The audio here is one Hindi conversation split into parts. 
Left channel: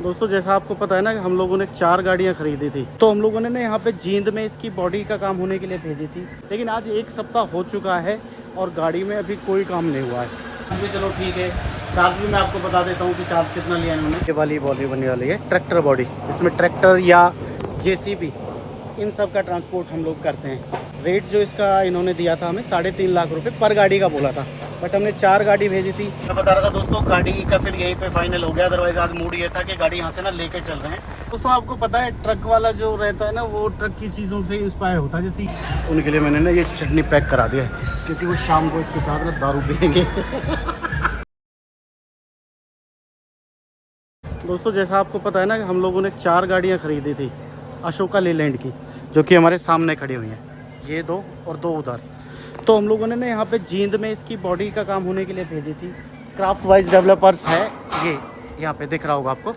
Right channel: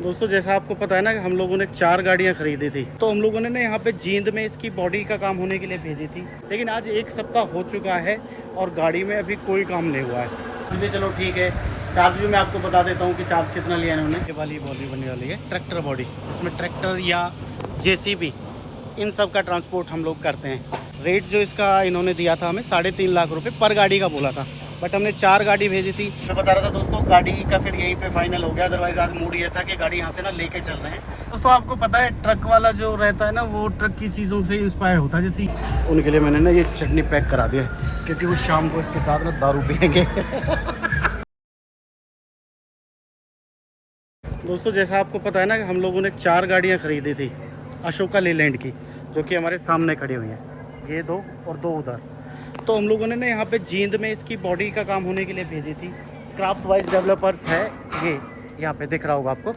दोस्तों जैसा आपको पता है ना कि हम लोगों ने 4 गाड़ियां खरीदी थी, तो हम लोगों ने ना यहाँ पे जींद में इसकी बॉडी का काम होने के लिए भेजी थी। लेकिन आज 1 सप्ताह हो चुका है और गाड़ी में अभी कोई काम नहीं हुआ है। जी चलो ठीक है, चार्ज भी मैं आपको बता देता हूँ कि चार्ज कितना लिया है इन्होंने। ये वाली बॉडी बनने वाली है ट्रैक्टर बॉडी, इसमें ट्रैक्टर या JCB इन सब का ट्रांसपोर्ट हम लोग करते हैं। रेट जो इसका इन्होंने दिया था हमें 3.5 लाख रुपए पर गाड़ी का बोला था, बट हमने 4 गाड़ी भेजी थी। मैं बता रहा था दोस्तों, गाड़ी का फिर यहीं पे फाइनल हो गया। अदरवाइज आज मूड ये था कि गाड़ी यहाँ से ना लेके चल रहे हैं। दोस्तों आपको पता है ट्रक वाला जो रहता है ना, वो ट्रक की चीज़ों से इंस्पायर होता है। जैसे उनके लिए मैंने ना ये चटनी पैक करा दिया है, क्योंकि वो शाम को इसके साथ ना दारू पियेंगे। दोस्तों जैसा आपको पता है ना कि हम लोगों ने 4 गाड़ियाँ खरीदी थी अशोका लेलैंड की, जो कि हमारे सामने खड़ी हुई हैं। ये 2 और 2 उधर। तो हम लोगों ने ना यहाँ पे जींद में इसकी बॉडी का काम होने के लिए भेजी थी। क्राफ्ट वाइज डेवलपर्स है ये, यहाँ पे दिख रहा होगा आपको।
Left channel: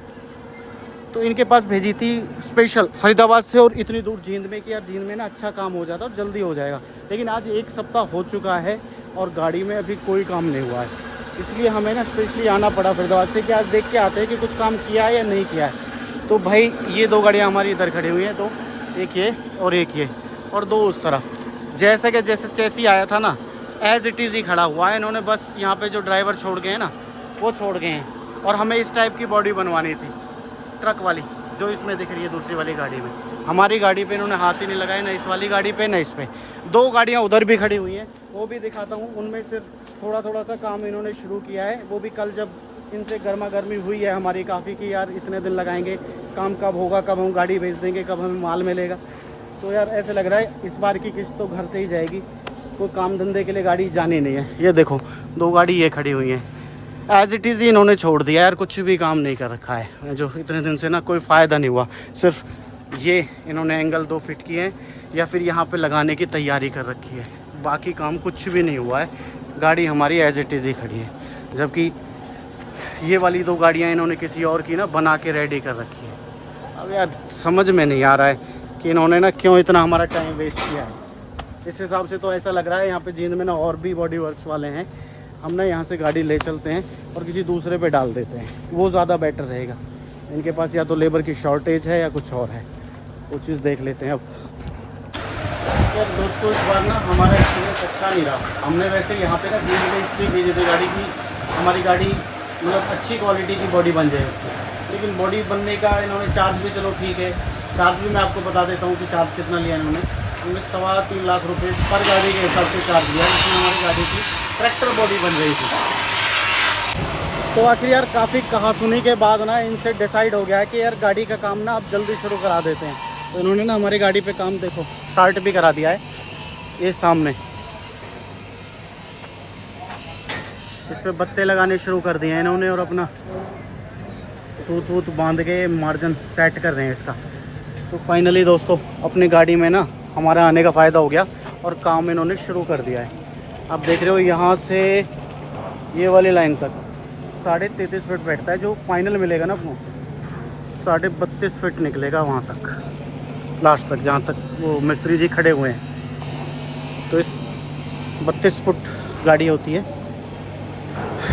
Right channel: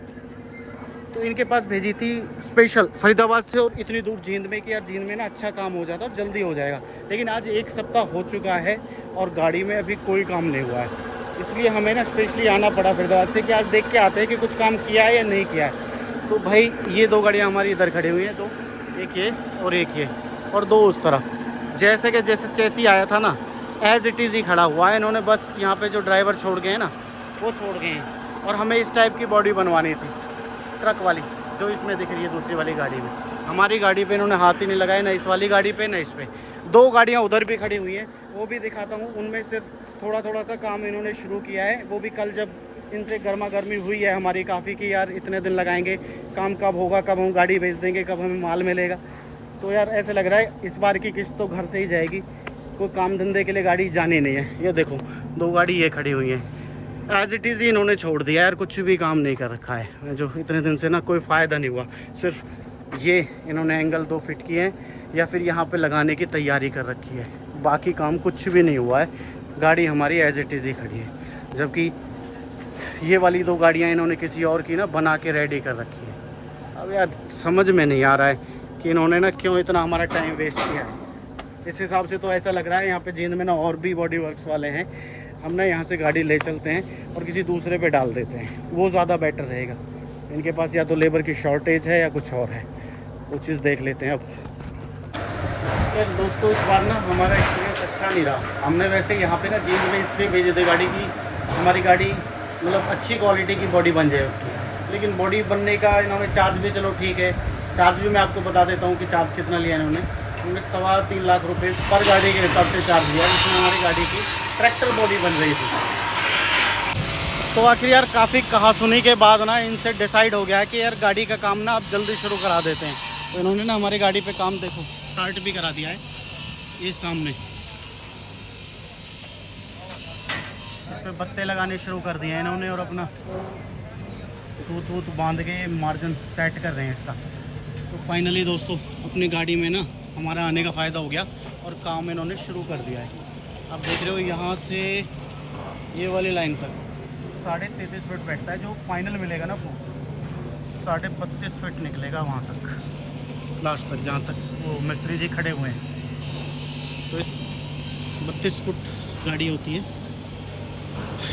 तो इनके पास भेजी थी स्पेशल फरीदाबाद से, और इतनी दूर जींद में कि यार जींद में ना अच्छा काम हो जाता और जल्दी हो जाएगा। लेकिन आज 1 सप्ताह हो चुका है और गाड़ी में अभी कोई काम नहीं हुआ है, इसलिए हमें ना स्पेशली आना पड़ा फरीदाबाद से कि आज देख के आते हैं कि कुछ काम किया है या नहीं किया है। तो भाई ये 2 गाड़ियाँ हमारी इधर खड़ी हुई हैं, 2, एक ये और एक ये, और 2 उस तरफ। जैसे कि जैसे चेसी आया था ना, एज इट इज़ ही खड़ा हुआ है। इन्होंने बस यहाँ पे जो ड्राइवर छोड़ गए हैं ना, वो छोड़ गए हैं। और हमें इस टाइप की बॉडी बनवानी थी, ट्रक वाली जो इसमें दिख रही है दूसरी वाली गाड़ी में। हमारी गाड़ी पे इन्होंने हाथ ही नहीं लगाया, ना इस वाली गाड़ी पे ना इस पे। 2 गाड़ियाँ उधर भी खड़ी हुई हैं, वो भी दिखाता हूँ। उनमें सिर्फ थोड़ा थोड़ा सा काम इन्होंने शुरू किया है, वो भी कल जब इनसे गर्मा गर्मी हुई है हमारी काफ़ी कि यार इतने दिन लगाएंगे, काम कब होगा, कब हम गाड़ी भेज देंगे, कब हमें माल मिलेगा। तो यार ऐसे लग रहा है इस बार की किस्त तो घर से ही जाएगी, कोई काम धंधे के लिए गाड़ी जानी नहीं है। ये देखो 2 गाड़ी ये खड़ी हुई हैं, एज इट इज़ ही इन्होंने छोड़ दिया यार, कुछ भी काम नहीं कर रखा है। जो इतने दिन से ना कोई फ़ायदा नहीं हुआ, सिर्फ ये इन्होंने एंगल 2 फिट किए हैं या फिर यहाँ पे लगाने की तैयारी कर रखी है। बाकी काम कुछ भी नहीं हुआ है, गाड़ी हमारी एज इट इज़ ही खड़ी है। जबकि ये वाली 2 गाड़ियाँ इन्होंने किसी और की ना बना के रेडी कर रखी है। अब यार समझ में नहीं आ रहा है कि इन्होंने ना क्यों इतना हमारा टाइम वेस्ट किया है। इस हिसाब से तो ऐसा लग रहा है यहाँ पे जींद में ना और भी बॉडी वर्क्स वाले हैं, हम ना यहाँ से गाड़ी ले चलते हैं और किसी दूसरे पे डाल देते हैं, वो ज़्यादा बेटर रहेगा। इनके पास या तो लेबर की शॉर्टेज है या कुछ और है, वो चीज़ देख लेते हैं। अब यार दोस्तों इस बार ना हमारा एक्सपीरियंस अच्छा नहीं रहा। हमने वैसे यहाँ पे ना जींद में इसलिए भेजी थी गाड़ी की, हमारी गाड़ी मतलब अच्छी क्वालिटी की बॉडी बन जाए उसकी। लेकिन बॉडी बनने का इन्होंने चार्ज भी, चलो ठीक है, चार्ज भी मैं आपको बता देता हूँ कि चार्ज कितना लिया इन्होंने। हमें 3.25 लाख रुपए पर गाड़ी के हिसाब से चार्ज दिया, जिसमें हमारी गाड़ी की ट्रैक्टर बॉडी बन रही थी। तो आखिर यार काफ़ी कहासुनी के बाद ना इनसे डिसाइड हो गया है कि यार गाड़ी का काम ना अब जल्दी शुरू करा देते हैं। तो इन्होंने ना हमारी गाड़ी पे काम देखो स्टार्ट भी करा दिया है, ये सामने इस पर बत्ते लगाने शुरू कर दिए हैं इन्होंने, और अपना सूत वूत बांध के मार्जिन सेट कर रहे हैं इसका। तो फाइनली दोस्तों अपनी गाड़ी में ना हमारा आने का फ़ायदा हो गया और काम इन्होंने शुरू कर दिया है। आप देख रहे हो यहाँ से ये वाली लाइन तक 33.5 फीट बैठता है, जो फाइनल मिलेगा ना अपना 32.5 फीट निकलेगा वहाँ तक, लास्ट तक जहाँ तक वो मिस्त्री जी खड़े हुए हैं। तो इस 32 फुट गाड़ी होती है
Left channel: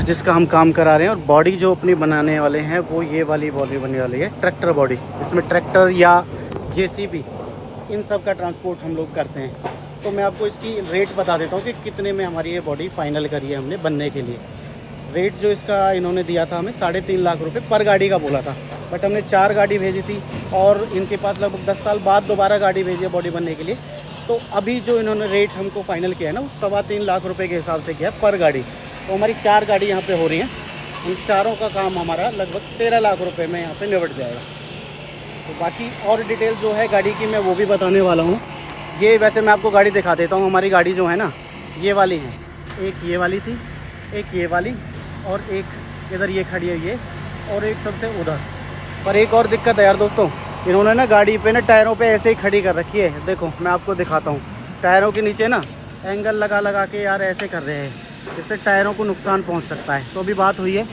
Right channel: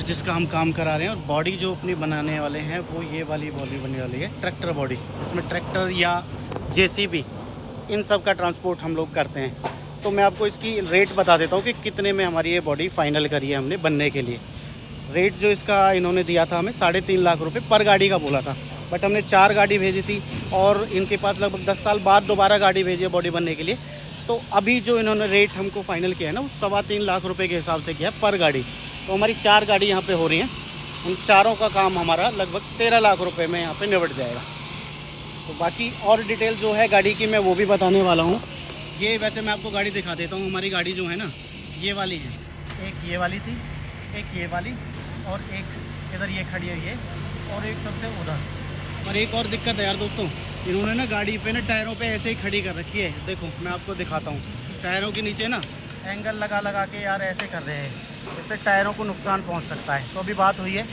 जिसका हम काम करा रहे हैं। और बॉडी जो अपनी बनाने वाले हैं वो ये वाली बॉडी बनने वाली है ट्रैक्टर बॉडी, इसमें ट्रैक्टर या JCB इन सब का ट्रांसपोर्ट हम लोग करते हैं। तो मैं आपको इसकी रेट बता देता हूँ कि कितने में हमारी ये बॉडी फाइनल करी है हमने बनने के लिए। रेट जो इसका इन्होंने दिया था हमें 3.5 लाख रुपए पर गाड़ी का बोला था, बट हमने 4 गाड़ी भेजी थी और इनके पास लगभग 10 साल बाद दोबारा गाड़ी भेजी है बॉडी बनने के लिए। तो अभी जो इन्होंने रेट हमको फाइनल किया है ना, वो 3.25 लाख रुपये के हिसाब से किया पर गाड़ी। तो हमारी 4 गाड़ी यहाँ पे हो रही हैं, उन चारों का काम हमारा लगभग 13 लाख रुपए में यहाँ पे निपट जाएगा। तो बाकी और डिटेल जो है गाड़ी की मैं वो भी बताने वाला हूँ। ये वैसे मैं आपको गाड़ी दिखा देता हूँ। हमारी गाड़ी जो है ना ये वाली है, एक ये वाली थी, एक ये वाली, और एक इधर ये खड़ी है ये, और एक सबसे उधर। पर एक और दिक्कत है यार दोस्तों, इन्होंने ना गाड़ी पे ना टायरों पे ऐसे ही खड़ी कर रखी है। देखो मैं आपको दिखाता हूँ, टायरों के नीचे ना एंगल लगा लगा के यार ऐसे कर रहे हैं, इससे टायरों को नुकसान पहुँच सकता है। तो अभी बात हुई है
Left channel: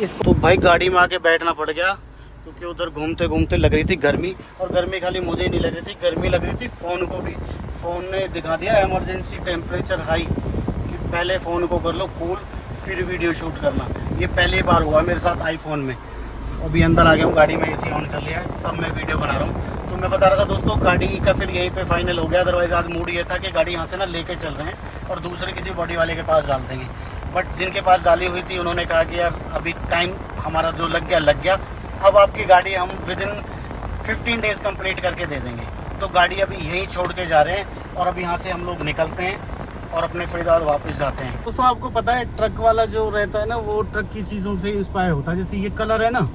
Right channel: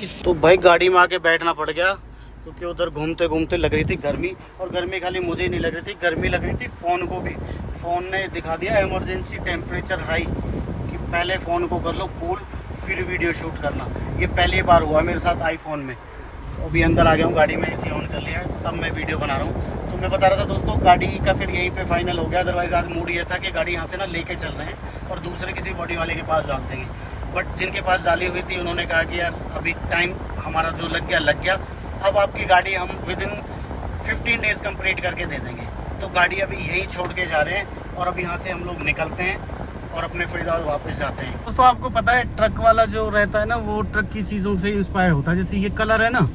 इसको, तो भाई गाड़ी में आके बैठना पड़ गया, क्योंकि उधर घूमते घूमते लग रही थी गर्मी। और गर्मी खाली मुझे ही नहीं लग रही थी, गर्मी लग रही थी फ़ोन को भी। फ़ोन ने दिखा दिया इमरजेंसी टेम्परेचर हाई, कि पहले फ़ोन को कर लो कूल फिर वीडियो शूट करना। ये पहली बार हुआ मेरे साथ आईफोन में। अभी अंदर आ गया हूँ गाड़ी में, एसी ऑन कर लिया, तब मैं वीडियो बना रहा हूँ। तो मैं बता रहा था दोस्तों, गाड़ी का फिर यहीं पे फाइनल हो गया। अदरवाइज़ आज मूड ये था कि गाड़ी यहाँ से ना लेके चल रहे हैं और दूसरे किसी बॉडी वाले के पास डाल देंगे। बट जिनके पास डाली हुई थी उन्होंने कहा कि यार अभी टाइम हमारा जो लग गया, अब आपकी गाड़ी हम विदिन 15 डेज़ कंप्लीट करके दे देंगे। तो गाड़ी अभी यहीं छोड़ के जा रहे हैं और अब यहाँ से हम लोग निकलते हैं और अपने फरीदाबाद वापस जाते हैं। दोस्तों आपको पता है ट्रक वाला जो रहता है ना, वो ट्रक की चीज़ों से इंस्पायर होता है। जैसे ये कलर है ना,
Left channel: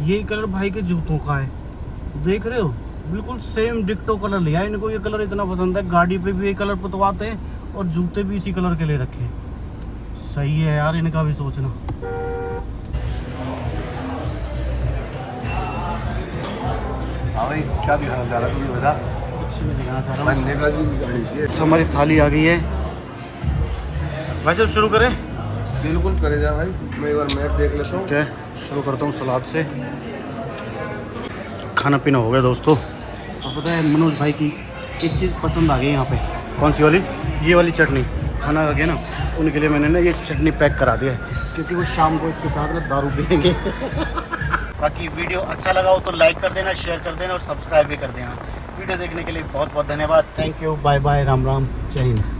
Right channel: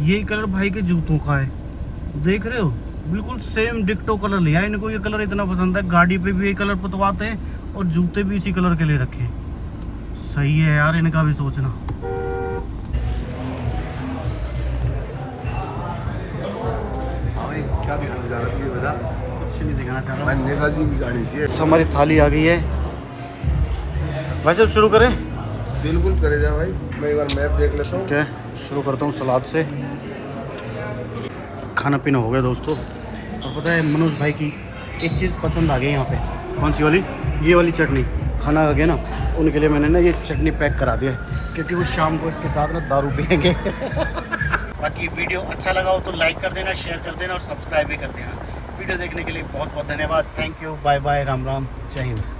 यही कलर भाई के जूतों का है, देख रहे हो, बिल्कुल सेम डिक्टो कलर लिया है। इनको ये कलर इतना पसंद है, गाड़ी पे भी ये कलर पुतवाते हैं और जूते भी इसी कलर के ले रखे हैं। सही है यार, इनका भी सोचना। क्या दिखाना चाह रहा है बता? कुछ नहीं दिखाना चाह रहा हूँ। नेताजी की गाड़ी थी। हमारी थाली आ गई है। वैसे शुरू करें? बिल्कुल करे जा भाई, मैं एक बार मैप देख लेता हूँ। ठीक है, शुरू करता हूँ सलाद से। खाना पीना हो गया दोस्तों। और पता है मनोज भाई की एक चीज़ पसंद आ गई यहाँ पे। कौन सी वाली? ये वाली चटनी। खाना आ गया ना, उनके लिए मैंने ना ये चटनी पैक करा दिया है, क्योंकि वो शाम को इसके साथ ना दारू पियेंगे। बाकी वीडियो अच्छा लगा हो तो लाइक कर देना, शेयर कर देना और सब्सक्राइब भी कर देना। वीडियो देखने के लिए बहुत बहुत धन्यवाद। Thank you, bye bye, Ram Ram, जय हिंद।